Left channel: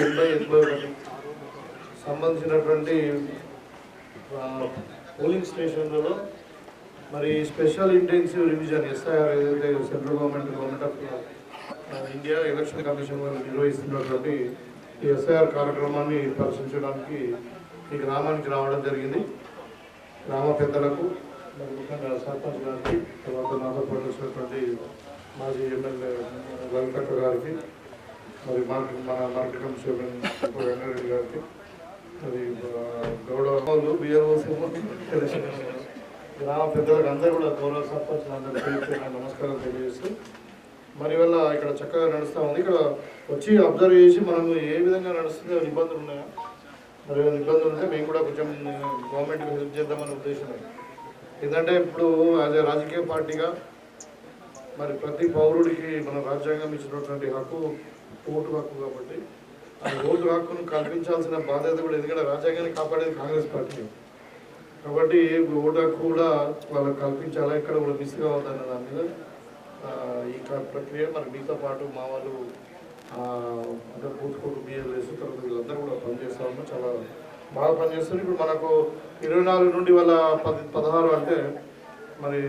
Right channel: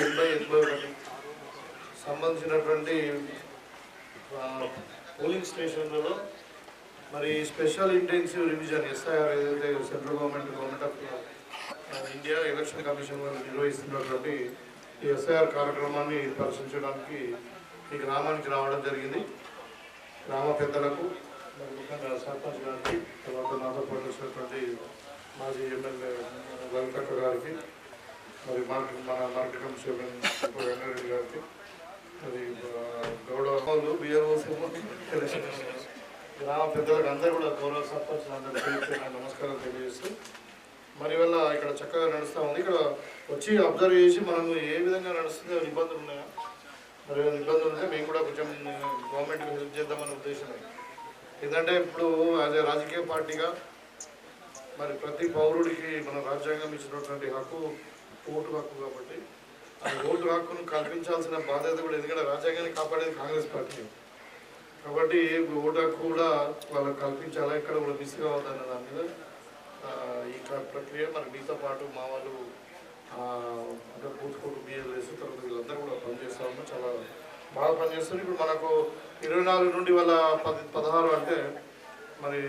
80 సంబంధించినటువంటి పోలింగ్ స్టేషన్లలో మరి స్పెషల్ ఇంటెన్సివ్ రివిజన్ ఎస్ఐఆర్ ఏదైతే central government of India election commission వాళ్ళు నిర్వహిస్తున్నటువంటి ఈ ఎస్ఐఆర్ కార్యక్రమాన్ని పరిశీలించడానికి ఈ గ్రామానికి రావడం జరిగింది. గ్రామ పెద్దలకు మరి ముఖ్యంగా సర్పంచ్ గారికి, తర్వాత నాతో పాటు వచ్చినటువంటి మాజీ ఎమ్మెల్యే లలితక్క గారికి, మరి మన మార్కెట్ చైర్మన్ వెంకటరెడ్డి గారికి, మరి గౌడవలు బిఆర్ఓస్ గ్రామ పెద్దలకు అందరూ కూడా గౌరవ సర్పంచ్ అందరూ నమస్కారం తెలియజేస్తూ మరి వల్ల ఇక్కడ చక్కగా నడుస్తూ ఉంది. ఇక్కడ వచ్చి అబ్జర్వ్ చేసి మనం ఏ విధంగా నడుస్తుందో నిబంధనలు ఉన్నాయా, మరి నిబంధనలు ఉంటే మేము కూడా కొంచెం గవర్నమెంట్కి హెల్ప్ చేద్దామనే ఉద్దేశం. ఎందుకంటే ఇప్పుడు యాజ్ ఏ రాజకీయ పార్టీగా మరి ప్రతి పౌరుడికి మన రాజ్యాంగం ఇచ్చినటువంటి హక్కు ఓటు హక్కు కాబట్టి ఆ ఓటు హక్కును కల్పించాల్సిన బాధ్యత కూడా, ఎందుకంటే రాజ్యాంగాన్ని కాపాడేది కాంగ్రెస్ పార్టీ కాబట్టి ఓటు హక్కు కూడా వాళ్ళకి కల్పించాలా, ఇక్కడ కూడా మిస్ కావద్దన్న దాని మీద ఈ ప్రక్రియ మరి మీతో పాటు మా వాళ్ళు అంటే పూర్తికోటు బిఎల్ఎస్ తర్వాత వీళ్ళందరూ కూడా పనిచేస్తూ ఉన్నాం, చాలా బాగా పనిచేస్తారు. ఇప్పుడు మనకు 24 నుండి వాళ్ళ 16 అంటే మరి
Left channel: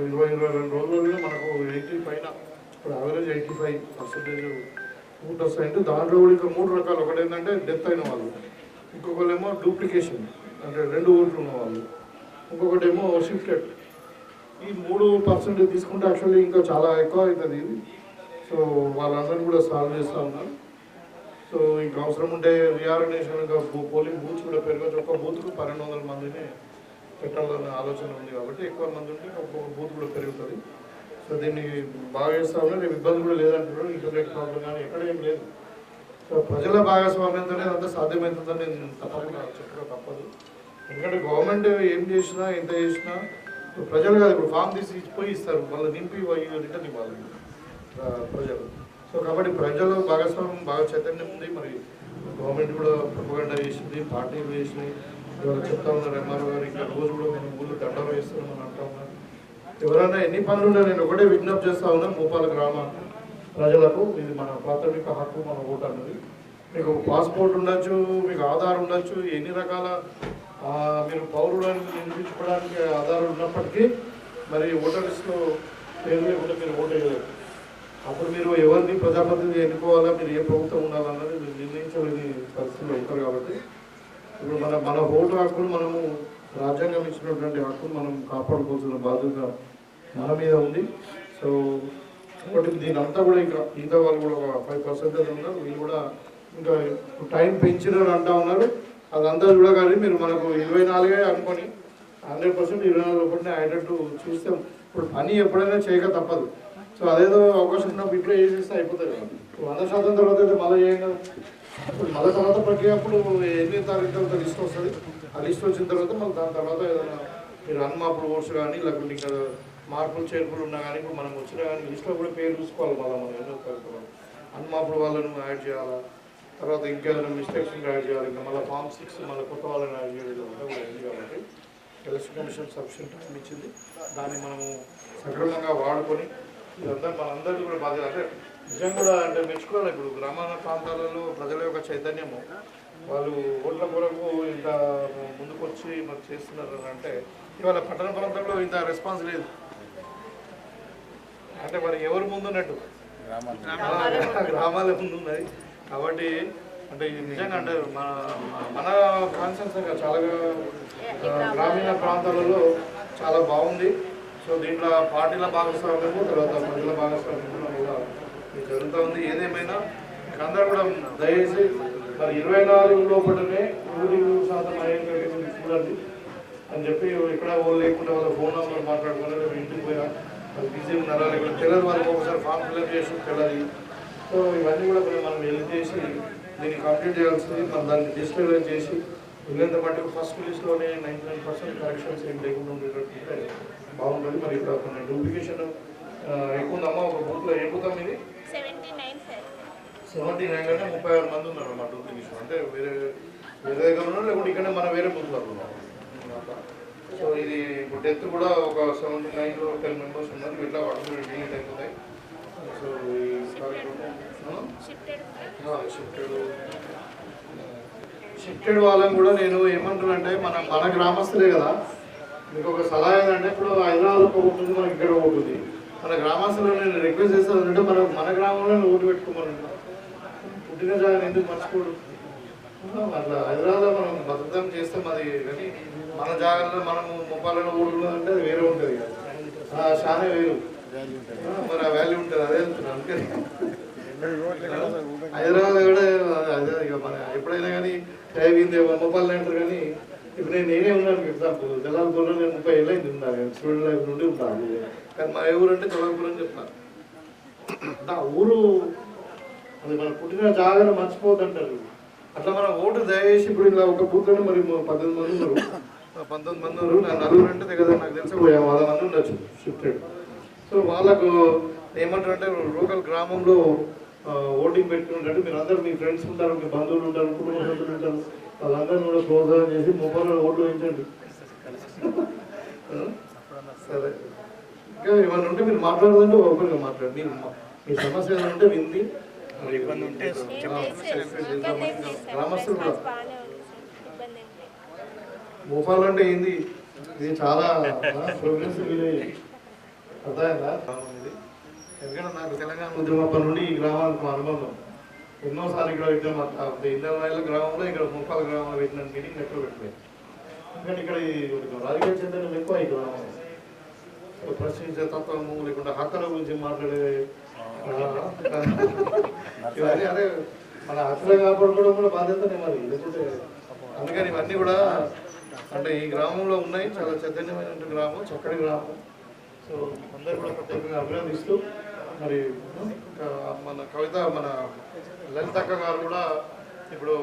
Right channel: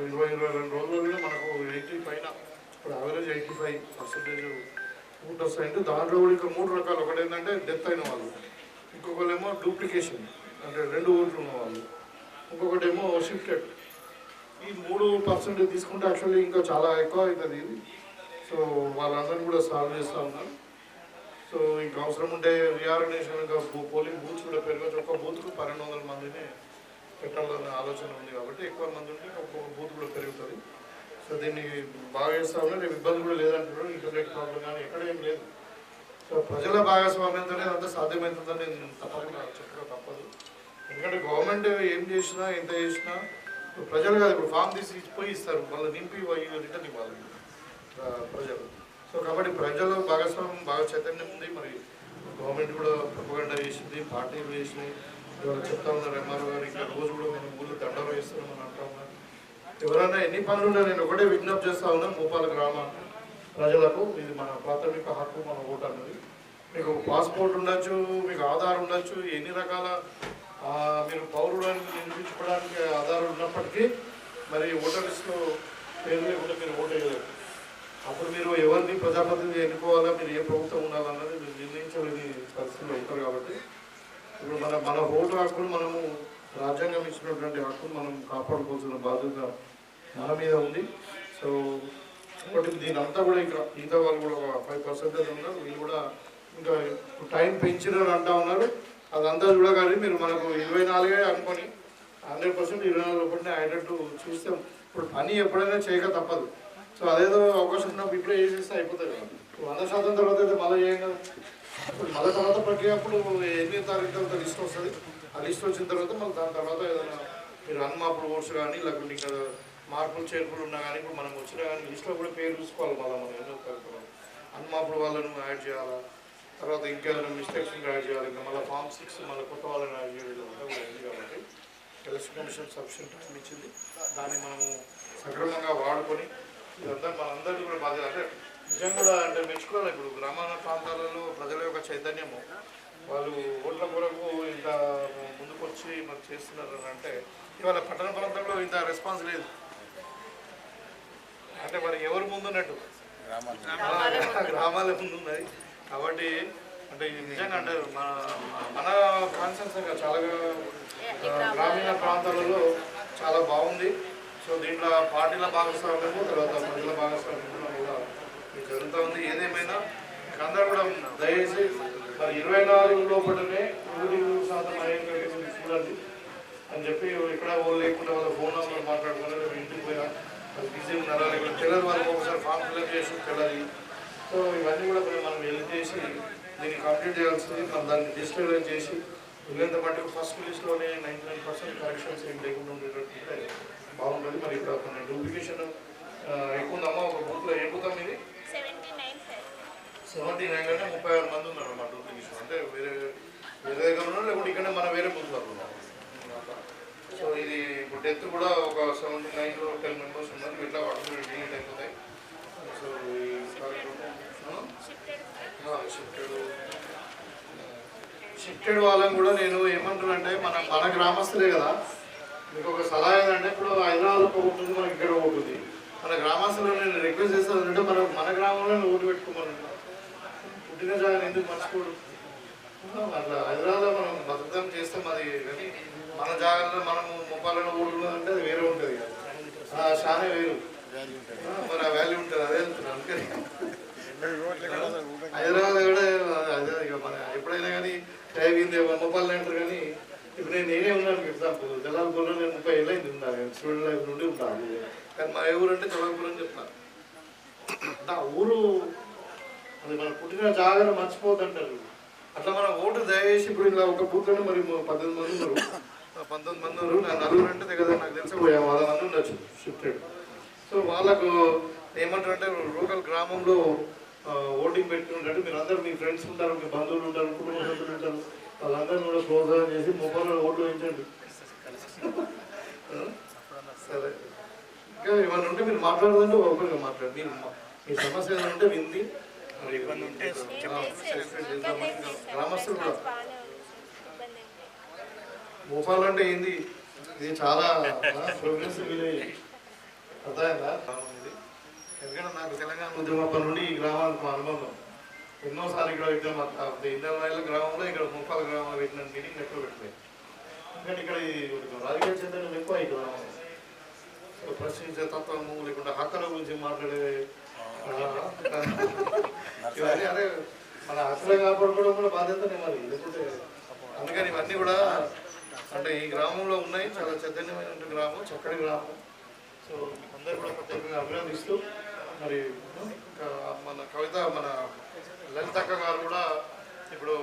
22 రోజుల్లో మనకు 80 పైన, ఇప్పుడు యావరేజ్ 85% ఓట్ వస్తాయంటే దాంట్లో కూడా ఇంకా 3 రకాలు. ఒకటి ఏంటంటే డెత్ అయిన వాళ్ళు, ఇంకొకరు ఏమో డూప్లికేషన్ అంటే 2 ఓట్లు ఉన్న వాళ్ళు, ఇంకొకటి ఏమో షిఫ్టెడ్. ఈ 3% తీసుకుంటే యాక్చువల్లీ ఇంకా చాలా ఎక్కువ అవుతుంది ఇది. సో వాళ్ళందరూ కూడా సాల్వ్ చేస్తూ ఉన్నారు. సో ఇంకా అవసరం ఉంటే రీఆర్గనైజేషన్గా పోలింగ్ బూత్స్ కూడా పెరగచ్చు. ఒక్క బూత్కు 1200 మందిని పెట్టాలనే ఆలోచన ఉంది కాబట్టి ఎక్కువ మంది ఉంటే ఒక్కొక్క బూత్ కూడా పెరుగుతుంది. సో దీన్ని బాగా చేస్తూ ఉన్నారు. రేపు ఇబ్బంది కూడా లేదంటున్నారు, ఇంటర్నెట్ ప్రాబ్లం కానీ ఎక్కడ ఏం లేదు. సో ప్రజల భాగస్వామ్యంతోనే అంతా సాధ్యమవుతుందని నేను తప్పకుండా చెప్పడం తప్పదు. ఎందుకంటే గవర్నమెంట్ ఏం చేసినా ఎంత చేసినా ప్రజలు కాదు, ఇప్పుడు ఫామ్ తీసి పోయి ఇస్తారు, వాళ్ళు నింపి రిటర్న్ ఇవ్వాలి ప్రజలు. సో కాబట్టి ప్రజల భాగస్వామ్యం బాగా చైతన్యం ఉంది. మరి గవర్నమెంట్ కూడా ప్రొపగండా చేసింది, పార్టీలు చేసినాయి. ఇవాళ చెప్తా ఉన్నారు ఎంఆర్ఓ గారు, ఇంకా రోజు కూడా మనం ఊళ్ళో దండం వేస్తున్నామని అంటా ఉన్నారు. ఎవరైనా ఎన్ని పనులు ఉన్నా నేను ఒకటే విజ్ఞప్తి చేస్తా ఉన్నాను భూపాల గ్రామ ప్రజలకు, ఇది మన ప్రాథమిక హక్కు, మన ఓటు అన్నది. మీకు పాస్పోర్ట్ ఉండొచ్చు, మీకు ఆధార్ ఉండొచ్చు, ఎన్ని రకాల మీరు పౌరులను నిరూపించుకోవడానికి ఆధారాలు ఉన్నప్పటికీ మరి ఓటర్ లిస్టులో పేరు లేకుండా మీరు ఓటు వేయలేరు. అప్పుడు మీరు ఎవరిని ప్రజాప్రతినిధి ఎన్నుకోవాలా, మీరు ఏ ప్రభుత్వం ఉండాలన్నది మీరు నిర్ణయించలేని పరిస్థితులు ఉంటారు. కాబట్టి ఇప్పుడు మన ఓటు హక్కును మనము రాజ్యాంగం ఇచ్చినటువంటి హక్కును మనం కాపాడుకోవాల్సిన బాధ్యత మన మీద ఉంది. సో కాబట్టి దీని అంతా కూడా ఇంకా వాళ్ళు కూడా 5% ఉన్నారు, వీళ్ళు కూడా ఇంకా టైం పెంచినారు అంటా ఉన్నారు. అదంతా చూడగానే మీరు మనకు 24 అనుకొని 100% 24 లోపలనే అయ్యేటట్టు చూస్తే ఇప్పుడు పని ఎప్పుడైనా చేయక తప్పదు. సో అదేదో అవకాశం ఉన్నప్పుడు ఇప్పుడే చేసేస్తే అయిపోతుంది కదా. 100% తర్వాత అయితే మళ్ళీ చేయం కదా. ఇప్పుడు మళ్ళీ తర్వాత ప్రక్రియ అప్పుడు ఎన్ని తారీఖు తర్వాత లిస్ట్ వస్తుంది, ఆ లిస్ట్ వచ్చిన తర్వాత మళ్ళీ దాని తర్వాత ఏదైనా మీరు అన్మాపులు ఓట్స్ కానీ లేకుంటే ఇంకా మార్పులు చేర్పులు ఉన్నా కానీ ఇప్పుడు మనం వచ్చినా కానీ లిస్ట్లో కూడా పేరు చూసుకోవాలి. మళ్ళీ మనం ఏదో అన్మాపులు వాళ్ళను యాడ్ చేయాలా, తర్వాత ఇంకేదైనా మిస్టేక్స్ యాడ్ చేయాలి, ఇంకా మళ్ళీ ఫామ్ 6 మళ్ళీ కొత్త వాళ్ళని యాడ్ చేయడం కూడా ఉంది. కాబట్టి ఎలక్షన్ కమిషన్ సఫిషియెంట్ టైం ఇచ్చింది, దాన్ని మనము సక్రమంగా వాడుకొని ఇదంతా మనందరికీ కూడా బాధ్యత. అంటే నిజం కూడా అంటే మెచ్చుకోవాలి. ఇప్పుడు గ్రామాల ప్రాంతాలలో ప్రజల యొక్క చైతన్యము, వాళ్ళు ఓట్ల కొరకు ఇంత ముందుకు వచ్చి మరి చేస్తున్నారు అంటే ఇవాళ పట్టణ ప్రాంతంలో ఇంత రెస్పాన్స్ లేదు. అంటే మరి ఎవరు ముందున్నట్టు గ్రామాల ముందు ఉన్నది. కాబట్టి అంటే నిజంగా అంటే మన కాన్సెన్స్గా చాలా గ్రామీణ ప్రాంతాలలో చాలా బాగుంది. సో దీంట్లో పార్టీల భాగస్వామ్యము తర్వాత ప్రజల భాగస్వామ్యం కూడా జరుగుతూ ఉంది. ఏదేమైనా అందరూ కూడా దయచేసి మరి 24 లోపలనే 100% అయ్యేటట్టు చూడండి అని చెప్పి ఇక్కడ వాళ్ళు లేకుండా వాళ్ళ ఫోన్ నెంబర్ మాట్లాడుకున్నారు, ఇంటికి పోయినా వాళ్ళు బిజీ ఉన్నారా లేకపోతే తెల్లరి వాళ్ళకి ఒకసారి ఫామ్ ఫిల్అప్ చేసి తెల్లరి. సో ఇవన్నీ కూడా మనం హెల్ప్ చేసి దీన్ని కంప్లీట్ చేయాల్సింది. మనం దాన్ని డిజిటలైజ్ చేసి వీళ్ళంత మటుకు ఫస్ట్ లిస్ట్లోనే 99% కరెక్షన్స్ ఏం లేకుండా ఉండేటట్టు బాగుంటుంది. మరి ఇక్కడ కొన్ని డూప్లికేషన్ ఎక్కువ ఉందమ్మా. ఒక బూత్లో ఏ బూత్ ఇది 79 అంటే 36 మంది ఉన్నారు మా డూప్లికేషన్. అంటే వేరే దగ్గర ఉన్నారు లేకుంటే ఇక్కడ మన వేరే బూత్లో ఉన్నాం. సో ఇది ఇప్పుడు డెత్ కూడా ఒక 79లో 10 మెంబర్స్ ఉన్నారు. ఇట్లా వాటి డిలీట్ అయిపోతాయి. సో షిఫ్టెడ్ వాళ్ళని కూడా నేను ఏమంటున్నానంటే మన గ్రామస్తులే కదా, మీకు ఒక సలహా ఏంటంటే ఇప్పుడు హైదరాబాద్లో ఒక ఉంటుంది, మనకి ఇక్కడ ఉంటుంది. మన గ్రామస్తులు నేను రిక్వెస్ట్ చేస్తానంటే మన గ్రామంలో ఓటు పెట్టుకోమని, పుట్టిన జాగా ఎందుకు మర్చిపోడు. అట్లా హైదరాబాద్లో మనం భద్రతం చేస్తాం అది, కానీ మన జాగాలో మనము ముప్పాలలో ఓటున్నదంటే అది వేరే ఉంటుంది కదా, చాలా వేరు, మరి ఆ వాల్యూ ఉంటుంది. అదే అనుకున్నాను. అందుకని హైదరాబాద్ కూడా అదే ఇక మన ఎప్పుడైనా కానీ ముప్పాలని అంటారు, కానీ ఇప్పుడు నేనే ఉన్నాను. ఎగ్జాంపుల్ జలాల్పూర్లో నేను 30 ఏళ్ళు అయింది ఉన్నాను, స్టూడెంట్ లైఫ్ నుండి ఉంటాను. కానీ మా ఊరు అంటే జలాల్పూర్ అని చెప్తాను. నా ఊరు అది మన పుట్టిన జాగాను మర్చిపోతుంటారు. అట్లా మనం ఓటు దయచేసి ఇప్పుడు ఇలా ఒక బూత్లోనే మరి 19 మంది ఉన్నారు, 19 మంది ఉన్నారు. నా నలుగురు అంటే కదా నాకు తెలిసి 100 మంది ఉండొచ్చు షిఫ్టెడ్. సో వాళ్ళకు ఏమంటారంటే లోకల్ గ్రామంలో ఓటింగ్ పెట్టుకున్నట్టు మీరు అందరూ మీ ఫ్రెండ్స్ ఉంటారు, మీ బంధువులు ఉంటారు, కుటుంబ సభ్యులు ఉంటారు, వాళ్ళందరినీ కూడా ప్రోత్సాహం చేసి మొబైల్లో ఓట్లు వేయించండి. సరే, ఇంకా ఏమైనా ఉంటే మీరు మాట్లాడదంటే ఓపెన్గా మాట్లాడు. మీరు మీ సమస్య ఏమైనా ఉంటే వింది గ్రామస్తులు కూడా భోపాల్ అంటే ఏంది, ఇది చాలా ప్రోగ్రెసివ్ విలేజ్ అర్థమైందా. ఎందుకంటే నాకు తెలంగాణ ఉద్యమం నుండి ఈ గ్రామాలకు అనుబంధం. ఎన్నోసార్లు ఇక్కడ పెట్టాం, ఇంద్రవాయిల గ్రామంలో ఇక్కడ ముప్పాల గ్రామంలో పెట్టిన మీటింగ్ ఎక్కువ పెట్టలేదు. ఎందుకంటే ఇక్కడ రాజకీయ చైతన్యం ఎక్కువ ఈ గ్రామంలో. ప్రశ్నించే తత్వము లేకుండా హక్కుల గురించి మాట్లాడే ఇవన్నీ, అదే మన హక్కులు కాపాడుకోవడం కూడా బాధ్యతనే మరి. లేకపోతే అందుకని ఇవన్నీ కూడా అంటే ఈ గ్రామంలో ఉన్నాయి. చాలా చైతన్యమైన గ్రామం, చక్కటి గ్రామం. సో అందరూ కూడా ప్రత్యేకంగా అభినందిస్తూ మరి మన కవిత మన లలితక్క గారు కూడా ఇప్పుడు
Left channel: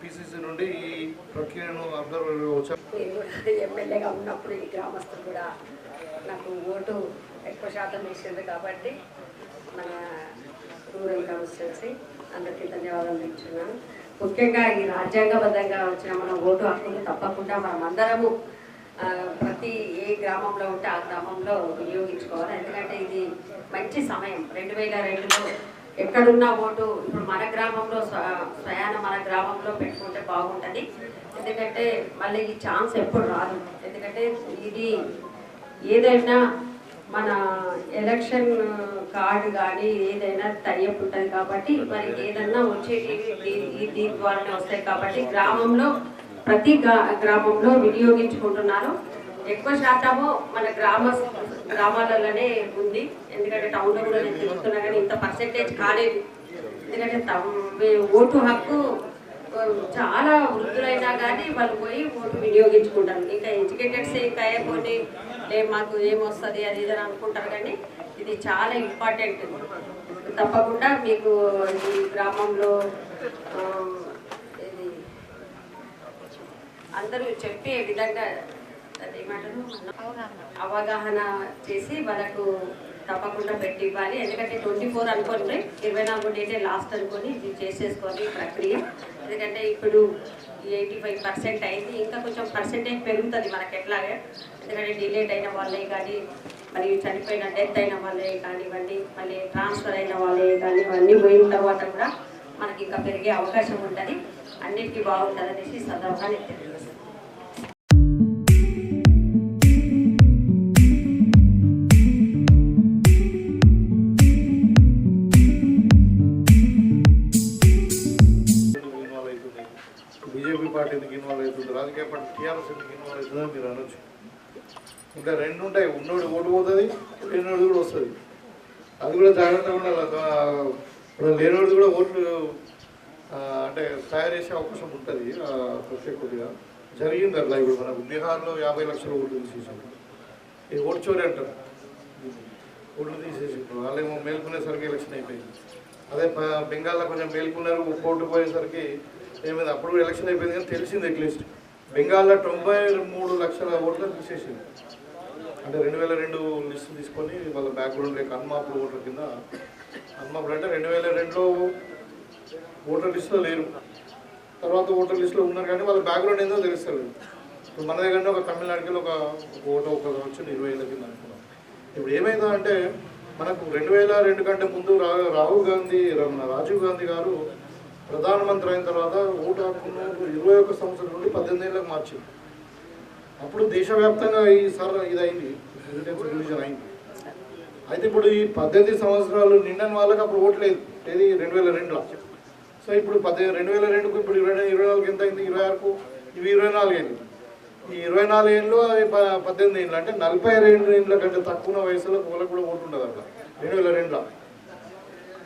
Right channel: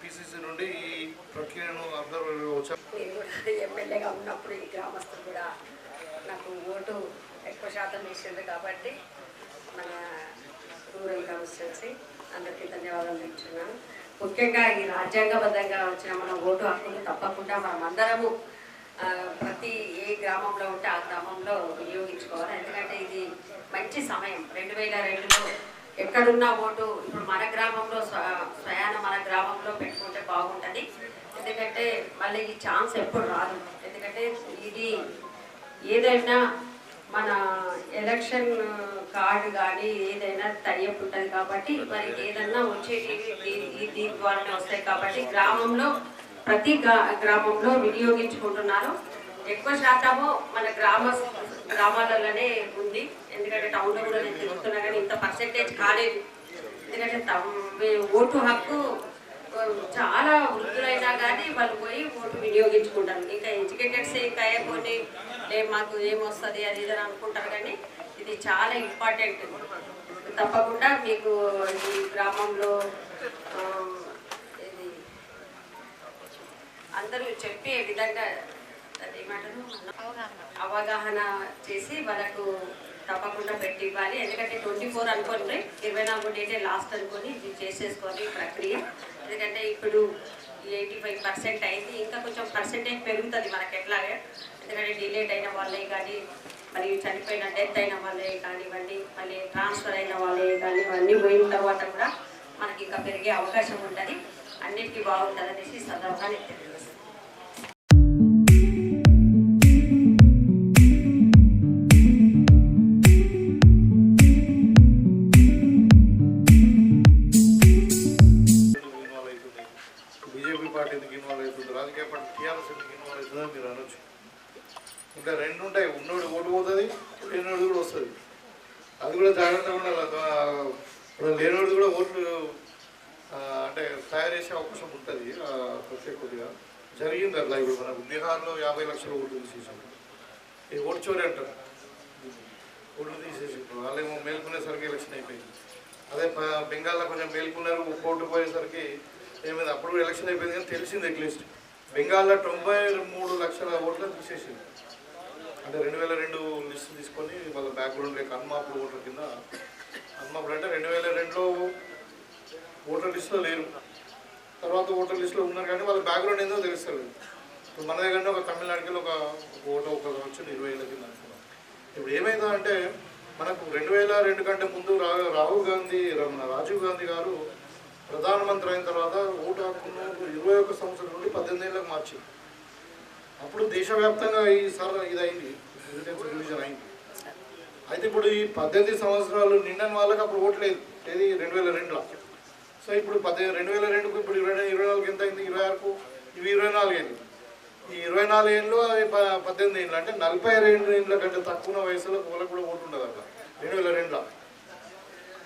పిసిసి నుండి ఈ ప్రక్రియను అబ్జర్వ్ వచ్చారు. నేను కూడా ఎమ్మెల్యేగా ఉన్నప్పుడు ఈ గ్రామస్తులు కూడా నాకు ఓటు ఎక్కువ శాతం వేసింది కాబట్టి మన రూరల్ కాన్స్టిట్యున్సీ అందరికీ ధన్యవాదాలు చెప్తున్నాను. ముఖ్యంగా ఈ రాజ్యాంగబద్ధంగా వచ్చిన మన ఓటు హక్కులు తప్పకుండా మనం అందరము ప్రతి ఏ గ్రామంలో ఉంటే ఆ గ్రామంలో వినియోగించుకోవాలి. ఎందుకంటే ఇది మంచి సమయం. 2002లో ఎక్కడున్న ఓటు ఇప్పుడు మన గ్రామంలో స్వయాన మన గ్రామంలో పెట్టుకుంటే బాగుంటుంది. ఎందుకంటే మళ్ళీ ఈ ఛాన్స్ ఎప్పుడు రాదు. ఎందుకంటే ఇది ఏదైనా మన ఎలక్షన్ కార్డు కానీ ఏదైనా టైఅప్ ఉంటుంది కాబట్టి మరి ఏదన్నా వచ్చేటి దీని ద్వారానే వస్తాయి కాబట్టి గ్రామంలో ప్రతి గ్రామంలో వినియోగించుకుంటున్నారు. ఎక్కువ శాతము మన గ్రామాలలోనే ఉంది. ఎందుకంటే టౌన్లో కూడా నేను తిరుగుతున్నా కానీ ఇంత పర్సెంటేజ్ కాలేదు. ఎందుకంటే ఓటు హక్కు చాలా వృద్ధులైనా కానీ వాళ్ళు పోయి ఓటు వినియోగించుకుంటారు. ఇంకా ఎడ్యుకేటెడ్స్ ఇంకా కొన్ని మాకు ఏమొస్తుంది అది ఇదని అనుకుంటారు, కానీ ఇది చాలా ఇంపార్టెంట్. తప్పకుండా మీకు ఈ గ్రామంలో ఇది అందరూ చెప్పే విధంగా ఏమంటారు అవగాహన చేసి వాళ్ళకు తప్పకుండా పెట్టి ఇవ్వాలి. ఎందుకంటే 24 అనుకోండి, 24 డేటే లాస్ట్ అనుకొని ఇది చేసేసుకోవాలి ప్రక్రియ. ఎందుకంటే ఇప్పుడు 85% అయింది, ఇంకా కొంచెం పర్సెంటేజ్ పెరుగుతుంది మనకి ఎట్లాగే. ఎందుకంటే డిలేట్ అయిన వాళ్ళే కానీ మరి చనిపోయిన డెత్ అయిన వాళ్ళే కానివ్వండి, మళ్ళీ ట్రాన్స్ఫర్ అయిన వాళ్ళే కానీ ఇవన్నీ పోయిన తర్వాత కూడా మనకి ఇంకా పెరిగే అవకాశం ఉంటుంది. అన్నిటికీ బాగుంటుంది అనేసి సదవుగా నేను తెలియజేస్తాను. బీజేపీ పార్టీ ఎందుకు ఇన్వాల్వ్ అవుతుంది, రాజకీయ పార్టీ టీఆర్ఎస్ ఎందుకు ఇన్వాల్వ్ అవుతుందని మీరు అనొచ్చు. ఇంకా రెండు ఉంటాయి, ఉన్నోడు ఓటు పోతుంది, లేనివాడు కూడా వస్తుంది. అది కూడా జాగ్రత్తగా ఉండాలి. లేనివాడు కూడా ఓట్లు అంటే తయారు చేసే అవకాశం ఉంటుంది ప్రత్యేకంగా. జరిగింది అట్లా. ఇప్పుడు మనకు బీహార్లో 50 లక్షల ఓట్లు తీసేసారు. ఈ ఓటు చోరీ అంటారు, ఓట్లు తీసేసి వాళ్ళేమో మేల్కొనేసరికి ఎలక్షన్ అయిపోయింది. అదే బెంగాల్లో కొంచెం మేల్కొన్నారు, ఓటు పోయేసరికి ఏమైంది, అప్పుడు ఎలక్షన్ అయిపోయింది. కానీ తెలిసింది అట్లీస్ట్ బెంగాల్లో 93 లక్షల ఓట్లను తీసేసింది. అంటే 2002 లిస్టు తీసుకొని వాళ్ళ బ్యాక్గ్రౌండ్ లేక అన్మాపుడు ఓట్ల కింద, అన్మాపుడు అంటే 2002లో ఓటర్ లిస్టులో లేరు, తర్వాత ఓటర్ లిస్టులో ఉన్నారు కానీ వాళ్ళ బ్యాక్గ్రౌండ్ ఏందో తెలుస్తారు. ఇప్పుడు మన దగ్గర ఒక తమిళనాడుకి ఒక ఓటు ఒక వచ్చింది 20 ఏళ్ళ కింద అనుకున్నాం. ఇప్పుడు ఏమైందో అంటే మనకు 2002 కంటే ముందు రాహుల్ గాంధీ రాజీవ్ గాంధీ గారు ప్రధానమంత్రి అయిన తర్వాత ఓటు హక్కును 21 సంవత్సరం నుండి 18 ఏళ్ళకి మార్చింది. అప్పుడు దేశవ్యాప్తంగా ఇది అయింది, రివిజన్ అయింది. అయితే ఇప్పుడు ఈ 18 సంవత్సరాలు నిండని వాళ్ళకి అప్పుడు ఓటు లేదు, ఏది 2002లో. సో ఇప్పుడు 2002కు ఇప్పుడు 24 ఎంత అయింది, 26కు ఇవి 24 ఏళ్ళు. ఈ 24 ఏళ్ళు 18 ఏళ్ళు అంటే 42 ఏళ్ళ కంటే తక్కువ వయసులో వాళ్ళకు కూడా ఓటు ఉండదు అట్లా 2002లో.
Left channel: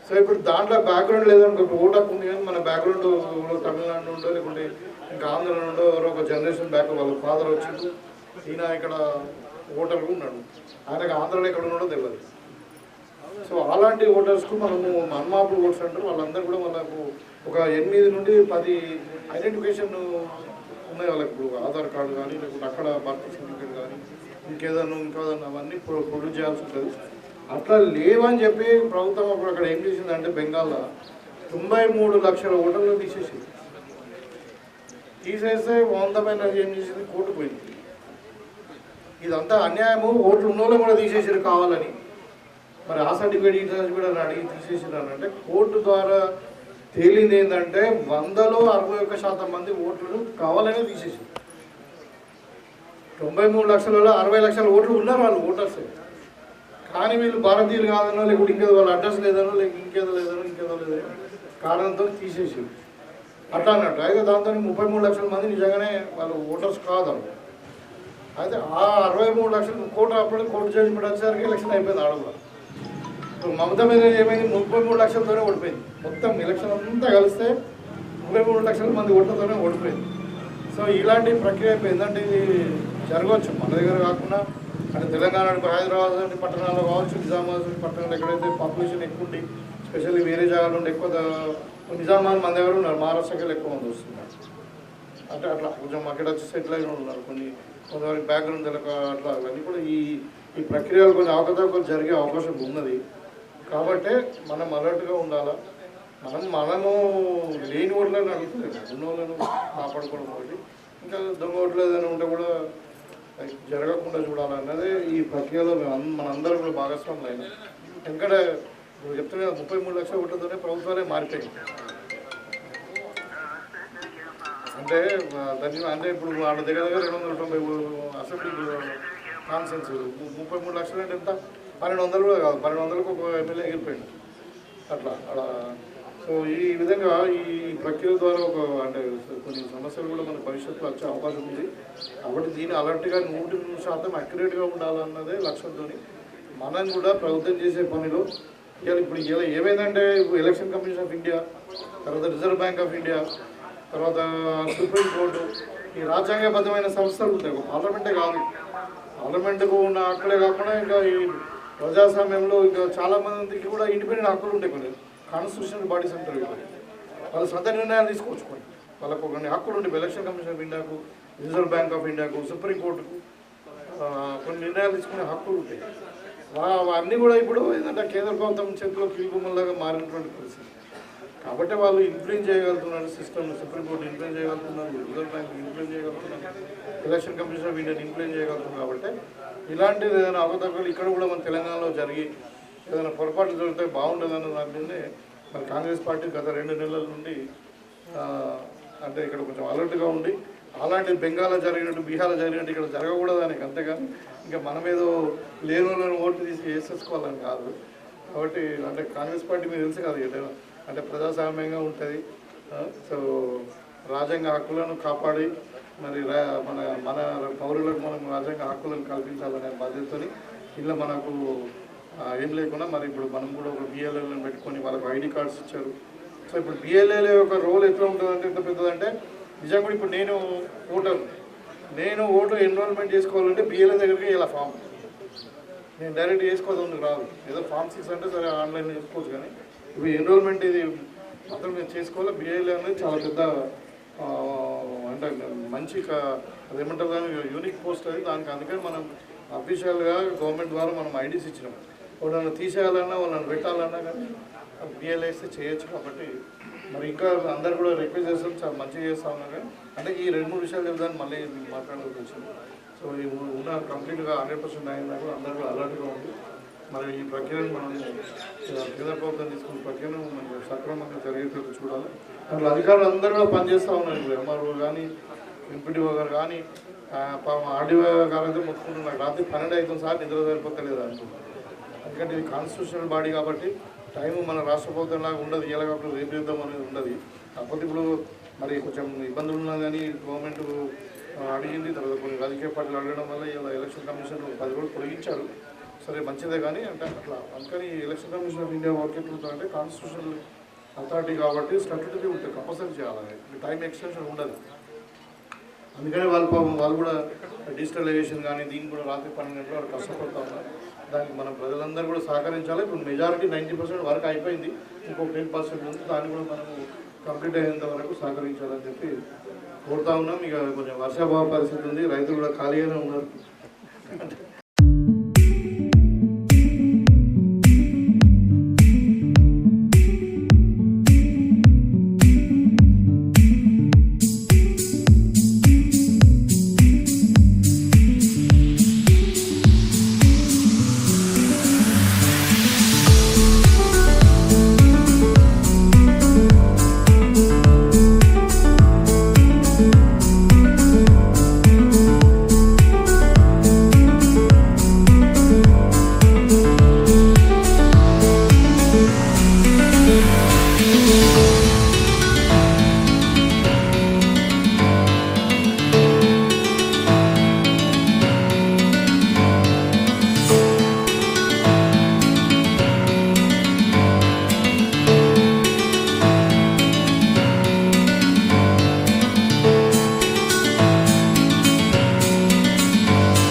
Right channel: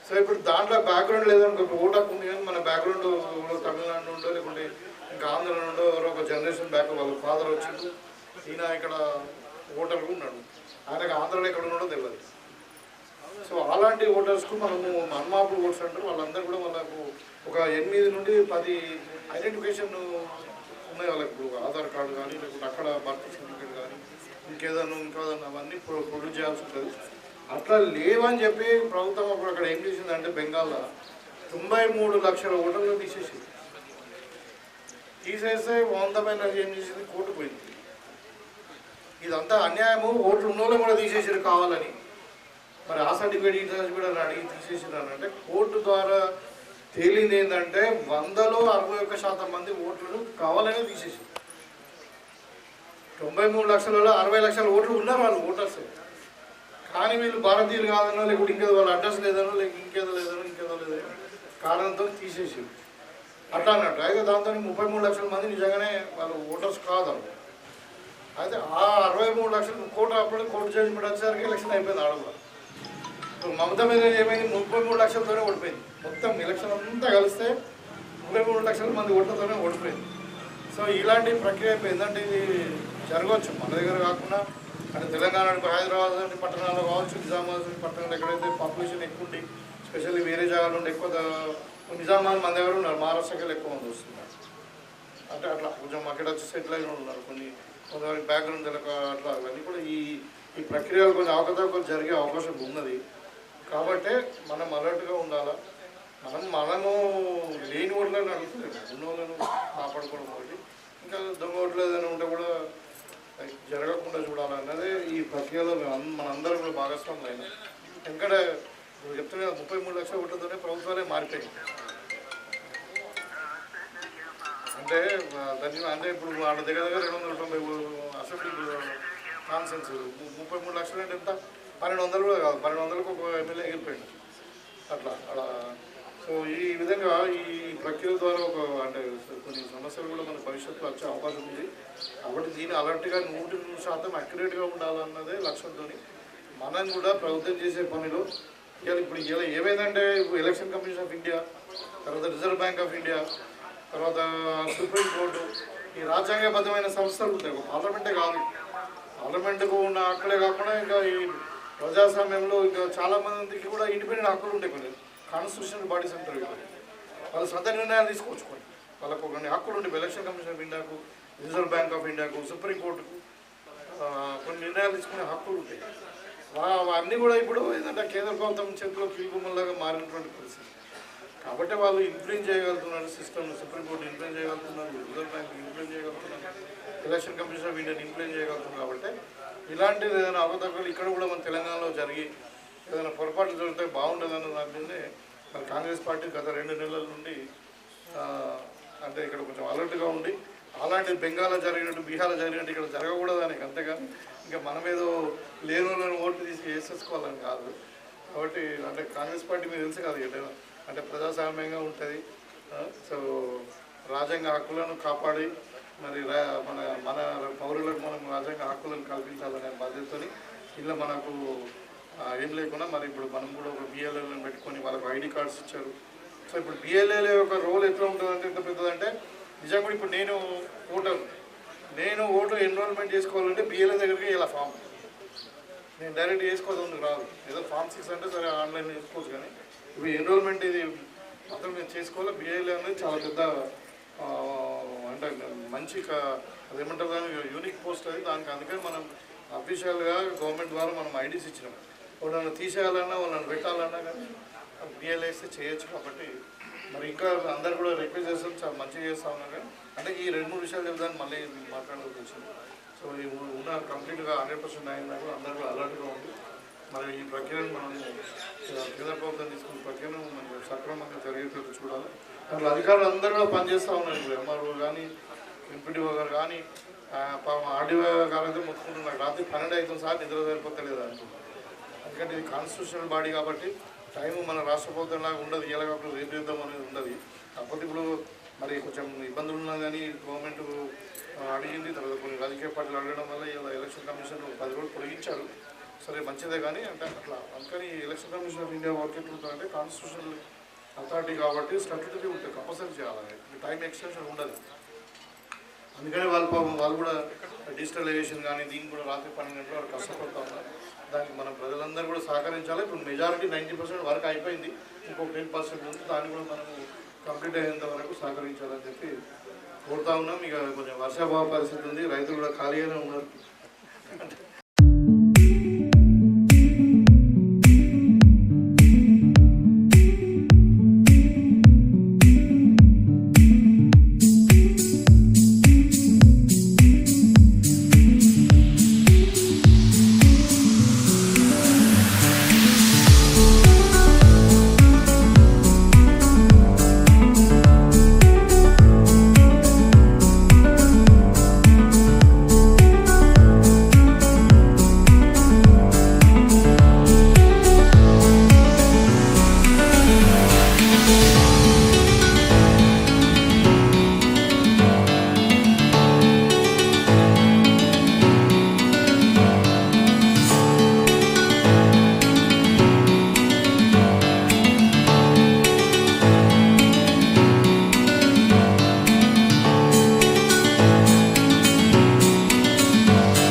సో ఇప్పుడు దాంట్లో బ్యాక్గ్రౌండ్ లేదనుకో, ఇప్పుడు ఓటు హక్కు ఉంది కానీ మన బ్యాక్గ్రౌండ్ తమిళనాడు నుండో లేకుంటే ఇంకా ఆంధ్ర నుండో ఎవరో ఒక జనరేషన్ బ్యాక్ వాళ్ళ ఫాదర్ వచ్చిండు, ఈయన ఇక్కడ ఓటర్గా ఉన్నాడు, ఆయనకు ఆంధ్రలో ఎక్కడ ఉన్నాడో తెలియదు. సో అలాంటి ఓటర్స్కు మనము అన్మాపుల్ ఓట్స్ అంటారు, వాళ్ళందరూ కూడా వాళ్ళకు ఒక 8 నుండి 10 ఐడెంటిఫికేషన్ ఉన్నాయి వాళ్ళకి. ఇప్పుడు ఆధార్ కార్డు కానీ లేకుంటే అక్కడ బర్త్ సర్టిఫికేట్ కానీ ఇంకేదన్నా అవన్నీ ప్రొడ్యూస్ చేయాల్సి ఉంటుంది. అట్లా లేవని చెప్పి ప్రభుత్వం అప్పుడు అక్కడ ఏం చేసిందంటే బెంగాల్లో 93 లక్షల ఓటర్లు తీసేసింది. తీసేస్తే 100 పైన ఏం చేసింది, కోర్టు పోయింది. ఇదంతా అన్యాయము, ఓట్లు ఉన్నోళ్ళు కూడా తీసేసారు కావాలని. మరి ఆ సర్టిఫికేట్ ఈ సర్టిఫికేట్ అని అడిగి తీసేసారు అంటే కోర్టు ద్వారా తేలింది ఏంటంటే 100లో 61% మంది ఓట్లు కావాలనే తీసేసారు. 93 లక్షలలో 60 లక్షల ఓట్లు ఉన్నారు వాళ్ళు ఓటర్స్, కానీ వీళ్ళు భారతీయులు కాదనో లేకుంటే ఇంకేదో వాళ్ళ అడ్రస్ లేదనో లేక ఇంకేదో లేదనో కారణంతో తీసేసారు అట్లా అన్నట్టు. అయితే దాంతో 33 లక్షల మంది నిజంగానే వాళ్ళు ఓటర్స్ కాదు. అయితే ఆ 63 లక్షలు కోర్టు జడ్జిమెంట్ వచ్చేసరికి ఎలక్షన్ అయిపోయింది ఆడ కూడా. మమతా మీద ఏమైంది, 33 లక్షలతోనే ఓడిపోయింది. మొత్తం ఎలక్షన్ అంతా కలిస్తే 33 లక్షల మంది ఓట్లతోనే ఓడిపోయింది. సో ఇలాంటి ప్రక్రియ ఏంటంటే ఇది జరగవచ్చు మన దగ్గర కాకుండా అంటే తెలంగాణ హైదరాబాద్ పట్టణాల్లో కావచ్చు, నిజామాబాద్ పట్టణంలో ఎక్కడైతే పాపులేషన్ ఎక్కువ ఉండి స్పెషల్లీ వేరే జాగాల నుండి ఎక్కువ నిజామాబాద్ మన దగ్గర ఉన్నారు, మహారాష్ట్రకి ఎక్కువ మంది వస్తున్నారు. అంటే అట్లా కొంచెం అక్కడ వచ్చి సెటిల్ అయిన ఉన్నారు, కొంతమంది బ్యాక్గ్రౌండ్ తెలక అట్లా అవన్నీ కూడా ఈ ప్రక్రియలు కొంచెం అవకతవకలు జరిగే అవకాశం ఉన్నది. కాబట్టి మనం అలర్ట్గా ఉండాలా. మనము లేని ఓట్లను అడుగుతలేదు, ఉన్న వాళ్ళను కాపాడుకోవడం ఒకటి, ఇంకా దొంగ ఓట్లు ఏదైనా ఉంటే కూడా జరగకుండా చూడాలన్నదే ఈ ప్రక్రియలో మనందరం కూడా భాగస్వాములు అయినా. ఎందుకంటే ఇప్పుడు చెప్తున్నా 33 లక్షల ఓట్లతోనే ప్రభుత్వాలే మారిపోయింది. అంటే అంటే ఇప్పుడు వాళ్ళ దగ్గర 290 అసెంబ్లీ కాన్సెన్స్ 33 లక్షలు అంటే ఎంత, 1200 కూడా కాదు, 1200కు ఒక ఎమ్మెల్యే ఎగిరిపోయింది అట్లా అలా. సో ఈ విధంగా ఈ ప్రక్రియ ద్వారా అంటే కొన్ని సమస్యలు కూడా మన భవిష్యత్తులో వచ్చే అవకాశం ఉంది. కాబట్టి దీన్ని అలర్ట్గా 100% అక్యురేట్గా ఉండాలన్నదే లక్ష్యంతో మనం కూడా ప్రభుత్వం చేసే పనిలో ఇప్పుడు ఏమైందంటే ఇప్పుడు ఎలక్షన్ కమిషన్ ఆఫ్ ఇండియా, తర్వాత రిజర్వ్ బ్యాంక్ ఆఫ్ ఇండియా, తర్వాత సుప్రీంకోర్టు, ఈ రాజ్యాంగబద్ధమైన సంస్థలు ఉంటాయి. పార్లమెంటే కాదు, పార్లమెంటుకు ఉన్న హక్కులే కాకుండా ఇంకా ఈ ప్రజాస్వామ్యంలో ఇంకా చాలామందికి కూడా ఇండిపెండెంట్ హక్కులు ఉంటాయి. కొన్ని కాన్స్టిట్యూషనల్ బాడీస్ అంటారు, వాళ్ళు సొంత నిర్ణయాలు తీసుకోవచ్చుకోండి, వాళ్ళకు కొన్ని హక్కులు ఉంటాయి. ఎలక్షన్ కమిషన్ ఆఫ్ ఇండియాకు, రిజర్వ్ బ్యాంక్ ఆఫ్ ఇండియాకు, సుప్రీంకోర్టుకు కొన్ని నిర్ణయాలు తీసుకునే హక్కులు ఉంటాయి. అవన్నీ కూడా ఇప్పుడు ఏంటంటే కేంద్ర ప్రభుత్వం చేతిలో కీలుబొమ్మలాగా మారినటువంటి పరిస్థితి. కాబట్టి వాళ్ళు ఇన్ఫ్లుయెన్స్ చేయగలుగుతున్నారు సిస్టమ్, సుప్రీంకోర్టు ఇన్ఫ్లుయెన్స్ చేయగలుగుతున్నారు, రిజర్వ్ బ్యాంక్ ఇన్ఫ్లుయెన్స్ చేయగలుగుతున్నారు, ఎలక్షన్ కమిషన్ ఆఫ్ ఇండియాని ఇన్ఫ్లుయెన్స్ చేయగలుగుతున్నారు. కాబట్టి ఇలాంటిది ఏదైనా అవకతవకలు ఇక్కడ కూడా మన తెలంగాణలో జరిగి ఏదైనా పొరపాట్లు జరిగితే బాగుండదన్న దాని మీదే మరి కాంగ్రెస్ పార్టీ గత 2 నెలల నుండి అంటే ఇక్కడ కొంచెం అలర్ట్గా ఉండి అలాంటి బెంగాల్లో జరిగినట్టు, బీహార్లో జరిగినట్టు ఇక్కడ జరగకూడదని, అంతేగాని ఇంకా మనం ఏదో లేని ఓట్లు తీసి వేసేసుకోవాలని కాదు. కాబట్టి అంటే కాంగ్రెస్ పార్టీ మీకు తెలుసు కాదు, అంటే ప్రజాస్వామ్యంగా ఉంటుంది. సో రాజ్యాంగ హక్కులను కాపాడి మరి మన మన పౌరులకు మనం రాజ్యాంగ హక్కులను కల్పించాలనే బాధ్యతతో ఇలా మనకు ఏం లేకుండా మరి ఇప్పుడు మనం కూడా ఒక బిఎల్ఏలను పెట్టుకొని వాళ్ళకు ఐడి కార్డ్స్ ఇచ్చారు. సో ఇప్పుడు బిఎల్ఏల యొక్క రోల్ ఎట్లా ఉంటుందంటే ఎంత పెద్దదంటే నిజంగా ఇప్పుడు నేను ఓటు ఎన్రోల్మెంట్ చేసుకోవాలంటే బిఎల్ఏ దగ్గరికి ఇలా ఫామ్ నేను డైరెక్ట్ చేసుకోవద్దు రాదు, ఏదో ఫామ్ 6 అంటే సరే ఆన్లైన్ చేసుకోవచ్చు. కానీ ఇప్పుడు ఎన్రోల్మెంట్ ఇది మొత్తం మేము చేసుకోవాలి. బిఎల్ఏ అనేది చాలా పెద్ద అంటే మంచి అదేమంటారు దాని యూనిక్ పోస్ట్ అది. దానికి అందుకని మనం అఫీషియల్గా గవర్నమెంట్ ద్వారా మనం ఐడీస్ ఇచ్చినాం. వాళ్ళని తీసేయాలన్నా వాళ్ళని పెట్టాలన్నా కానీ బిఎల్ఏ ఇస్తే చేయొచ్చు. కాబట్టి మరి ఇంకా అందరు కూడా రిక్వెస్ట్ చేస్తాం, చాలా మంచిగా చేస్తా ఉన్నారు. కానీ అంటే ఈ 2-3 విషయాలు చెప్తాను మళ్ళీ మాట్లాడాల్సి వచ్చింది. సో ఈ ఉన్న కంప్లీట్గా 100% అయినా కూడా అందరూ కూడా అలర్ట్గా ఉంది. మరి ఈ ప్రక్రియను మనం కేంద్ర ప్రభుత్వం తీసుకున్న ప్రక్రియను మనం సక్రమంగా జరిగేటట్టు చూడాలి. అట్లా అధికారులు అందరూ కూడా పనిచేస్తూ ఉన్నారు. ఇప్పుడు ఎంఆర్ఓ కానీ ఎంపీడీఓ గారు కానీ ఆర్డీఓ గారు అయితే మొత్తుకుంటున్నారు, రాత్రి 12 అవుతుంది సార్ నిద్ర సరిపోతలేదు అంటున్నారు. ఎందుకంటే ఇది కాన్స్టిట్యూషనల్ బాడీ కాబట్టి టైం మన రాష్ట్ర ప్రభుత్వం లాగా ఉండదు, ఇలా కాబట్టి రేపు చేద్దాం అనేది ఉండదు. కాకపోతే ఇప్పుడు మరి కొంచెం ఇబ్బందులు ఉన్నా కానీ గవర్నమెంట్ అడిగింది, తర్వాత కొన్ని రాజకీయ పార్టీలు అడగడం వల్ల ఇలా ఎలక్షన్ కమిషన్ 10 రోజులు పొడిగించారు. సరే మంచిదే కానీ అంటే అట్లా అందుకని election commission of India work ఎట్లుంటుందంటే కాన్స్టిట్యూషనల్ అథారిటీ కాబట్టి స్టాట్యూటరీ ఉంటుంది, కంపల్సరీ చేయాలి, టైం ఎక్స్టెన్షన్ ఉండదు. అందుకని వాళ్ళు కూడా డిజిటలైజేషన్ కానీ దీనికి కూడా రాత్రి 12 గంటలు వాళ్ళు కష్టపడుతూ ఉన్నారు. దానికి మనం ప్రజలందరూ కూడా సహకరించాలి. ఇప్పుడు మెజారిటీ 90% వర్క్ అయిపోయింది, ఇంకొక 10% ఉంది, దాన్ని కూడా మనం కంప్లీట్ అయ్యేంత వరకు సహకరించాలని చెప్పి కోరుతా ఉన్నాం. ఇక కొంచెం వర్షాభావ పరిస్థితి ఉంది, రైతులు కూడా ఖాళీగానే ఉన్నారు.